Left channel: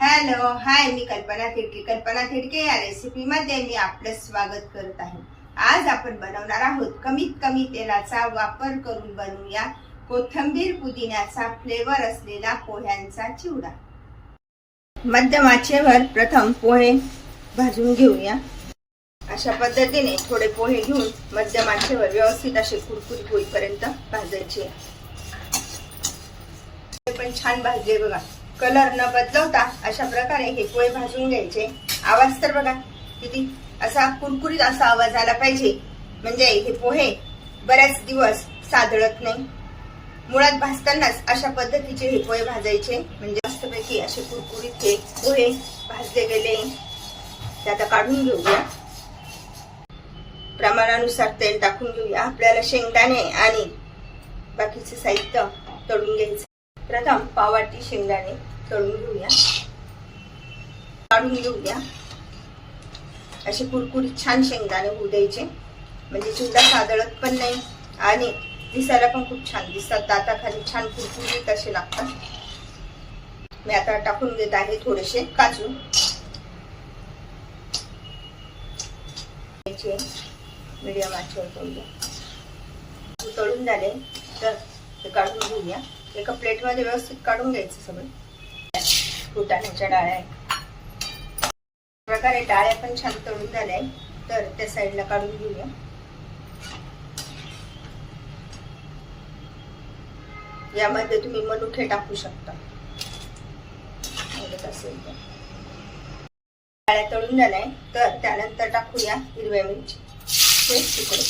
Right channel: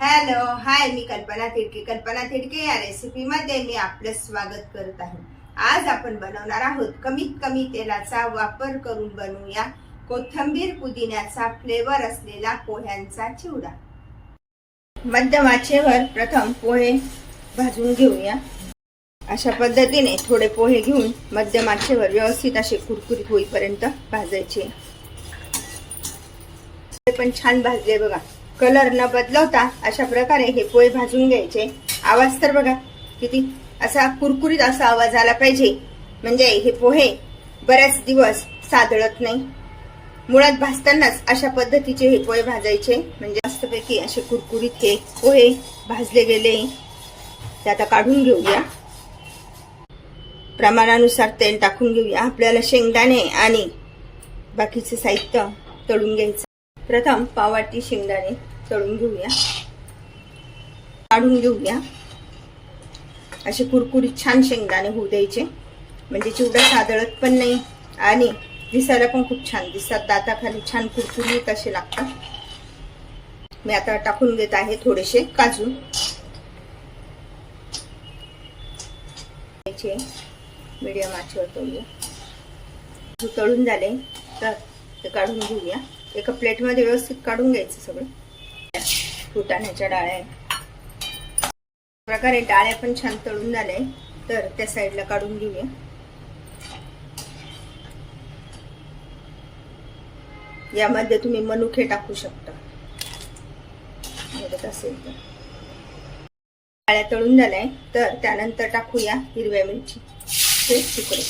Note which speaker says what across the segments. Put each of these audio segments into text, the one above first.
Speaker 1: Hello hi मी कल्पना थिडके. कल्पना थिडके या रेसिपी मध्ये मी आपलं स्वागत करत आहे. आज आपण बनवणार आहोत कमीत कमी तेलाचा वापर करून बनवूया कोथंबीर पुदिन्याचा फ्लेवर असलेला पोह्यांचा चिवडा. मध्यम आचेवर प्रथम पोहे भाजून घेऊया. अशा पद्धतीने थोडे पोहे घेऊन मध्यम आचेवर व्यवस्थित असे कुरकुरीत होईपर्यंत भाजायचे. पण छान भाजले बघा. कलर न बदलवता अशा प्रकारे हे पोहे भाजून घ्यायचे. आवाज तर बघा किती असा कुरकुरीत असा आवाज आला पाहिजे. म्हणजे हे पोहे बऱ्याच दिवस सादळत नाही. मुळात भाजतानाच अशा पद्धतीचे हे पोहे भाजायचे. म्हणजे मस्तपैकी असे कुरकुरीत हे पोहे भाजले गेले. ते आता काढून घेऊया. प्रमाणानुसार तेल टाकून घेऊया. आपल्याला शेंगदाणे आणि बाकीचे साहित्य तळून घ्यायचं. प्रथम पावाटी शेंगदाणे. तळून घेऊया. काढून घेऊया. असे कुरकुरीत छान शेंगदाणे होऊ द्यायचे. म्हणजे चिवडा सादळत पण नाही आणि दिसायला पण खूप छान दिसतात. दाताखाली छान कुरकुरीत असे लागतात. मी आता टाकून घेत आहे थोडेसे काजू. मीडियम आचेवर तळूया. तळून झाले तर ते काढून घेऊया. एका प्लेटमध्ये व्यवस्थित काढून घ्यायचं सगळं. फुटाण्याच्या डाळ्या प्रकारे डाळ्या पण छान तळून झाल्या तर त्या साईडला काढून घेऊया. यामध्ये तुम्ही मनुखे टाकू शकता. आवडत असेल तर. डाळ्या तळून झाल्या तर त्यानंतर टाकूया हिरव्या मिरची. ते तुकडे.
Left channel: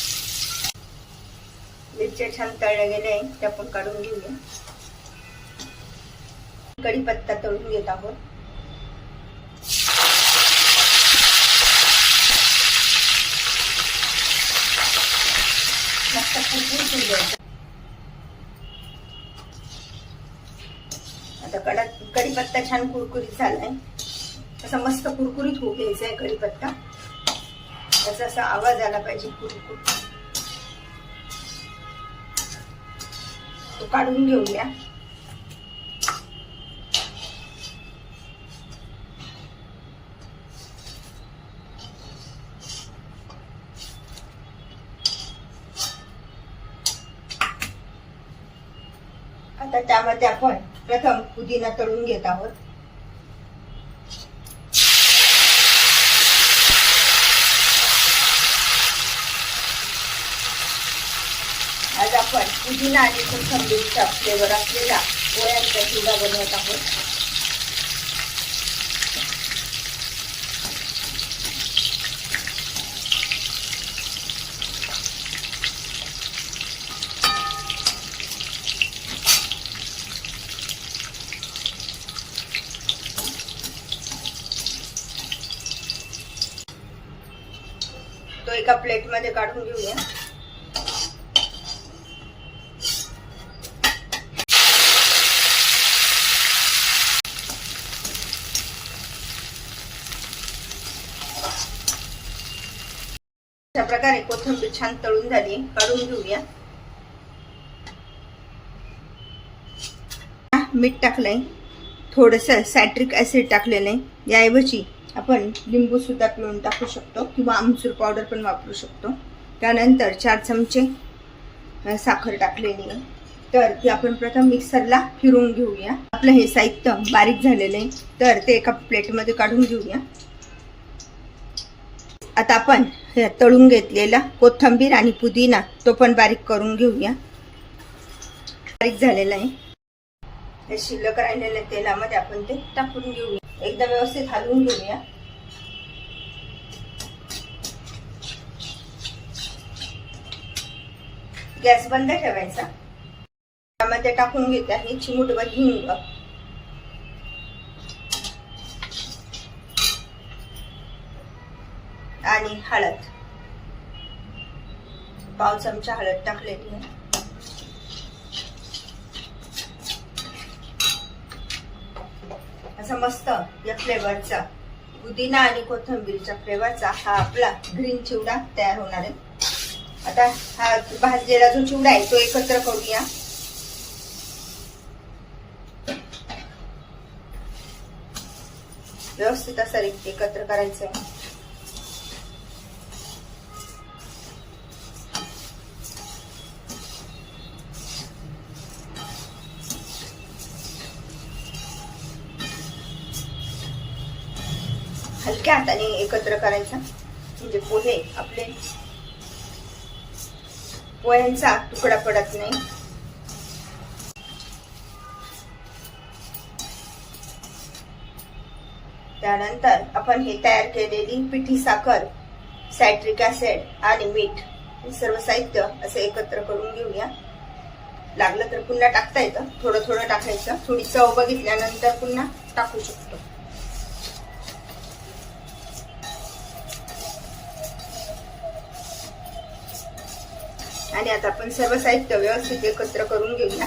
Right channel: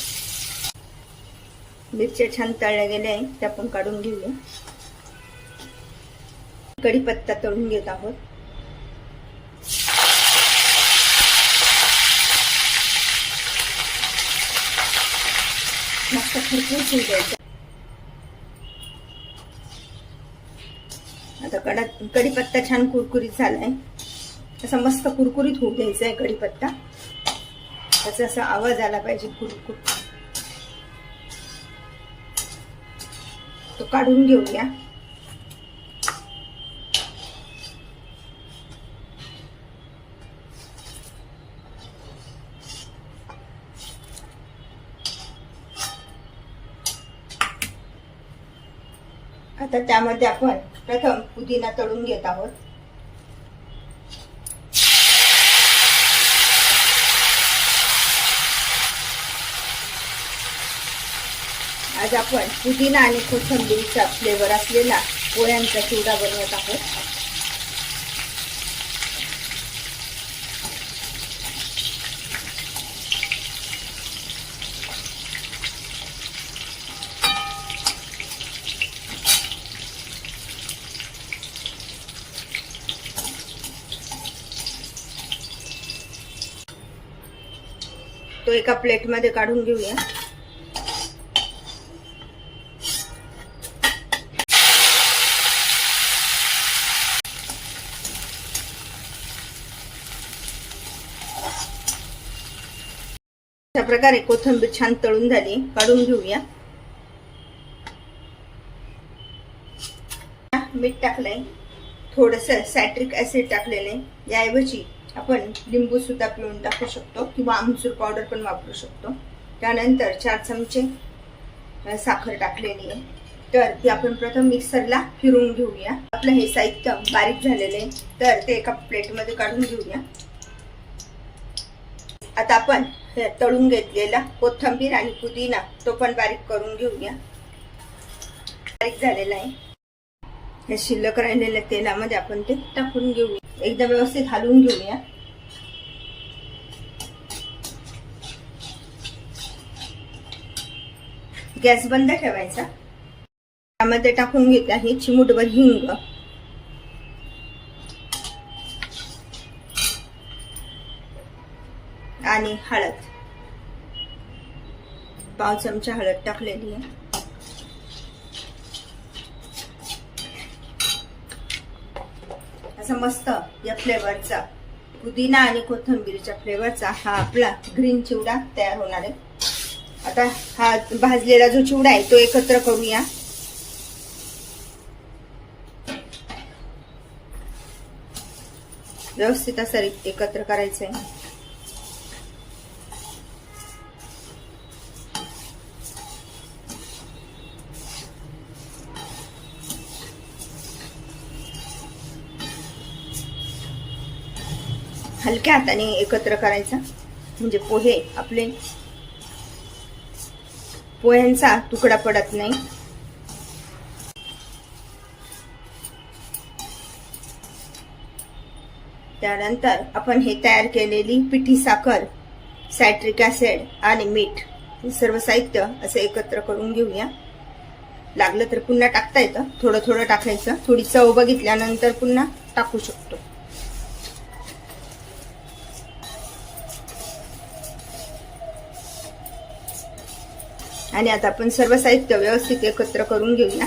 Speaker 1: मिरच्या छान तळल्या गेल्या आहे त्या पण काढून घेऊया. कढीपत्ता तळून घेत आहोत. मस्त खरपूस होऊ आता कडा कढीपत्ता छान कुरकुरीत झालाय. असा मस्त कुरकुरीत होऊ घ्यायचा आहे कढीपत्ता. त्याचा असा आवाज आला पाहिजे कुरकुर तो काढून घेऊया. तर त्यामध्ये आपण प्रथम पुदिना तळून घेत आहोत. आज आपण पुदिना आणि कोथंबीरचा फ्लेवर असलेला पोळ्यांचा चिवडा बनवत आहोत. तो एका प्लेटमध्ये काढून घेऊया. अशा प्रकारे कोथिंबीर छान तळून झाली काढून घेऊया. मीठ टाकलंय. थोडस सॅट्रिक ऍसिड टाकलेलं आहे. याऐवजी आपण लिंबूसुद्धा पिळून टाकू शकतो किंवा आमचूर पावडर पण वापरू शकतो. त्यानंतर चार चमचे साखर टाकलेली आहे. तर ती आपण प्रथम मिक्सरला फिरून घेऊया. आपलं हे साहित्य बारीक झालेलं आहे. तर ते एका प्लेटमध्ये काढून घेऊया. आता आपण हे तळून घेतलेला कोथंबीर आणि पुदिना तो पण बारीक करून घेऊया. बारीक झालेला आहे. हे शिल्लक राहिलेल्या तेलामध्ये आपण ते टाकून घेऊया. एकदा व्यवस्थित हलवून घेऊया. गॅस बंद ठेवायचा. त्यामध्ये टाकून घेत आहे चिमुटभर हिंग. आणि हळद. पाव चमचा हळद टाकलेली आहे. असं मस्त या फ्लेवरचा पुदिना आणि कोथंबीरच्या फ्लेवरचा हा आपला ग्रीन चिवडा तयार होणार आहे. आता हा भाजलेला जो चिवडा आहे तो एकत्र करूया. व्यवस्थित असं एकत्र करायचं आहे हलक्या हाताने एकत्र करायचं. म्हणजे पोहे आपले. पोह्यांचा तुकडा पडत नाही. त्यानंतर आपण हे तयार केलेली पिठी साखर सायट्रिक ऍसिड आणि मीठ हे सर्व साहित्य असं एकत्र करून घेऊया. लागलं तर पुन्हा टाकता येतं. थोडं थोडं टाकायचं. थोडी चव बघितल्यानंतर पुन्हा टाकू शकतो. आणि आता आपण सर्व साहित्य व्यवस्थित एकत्र करून घेऊया.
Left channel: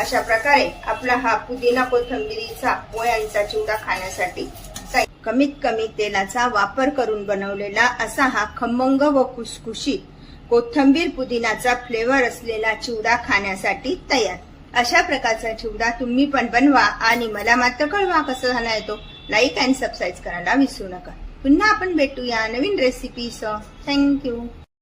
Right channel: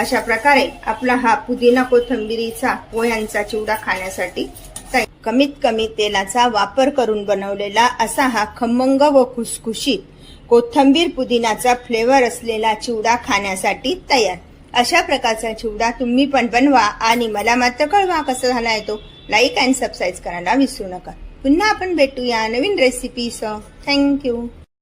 Speaker 1: अशा प्रकारे आपला हा पुदिना कोथंबिरीचा पोह्यांचा चिवडा खाण्यासाठी कमीत कमी तेलाचा वापर करून बनवलेला असा हा खमंग व खुसखुशीत कोथंबीर पुदिनाचा फ्लेवर असलेला चिवडा खाण्यासाठी तयार. अशा प्रकारचा चिवडा तुम्ही पण बनवा आणि मला मात्र कळवा कसा झाला तो. लाईक अँड सबस्क्राईब करायला विसरू नका. पुन्हा आपण भेटूया नवीन रेसिपीसह थँक्यू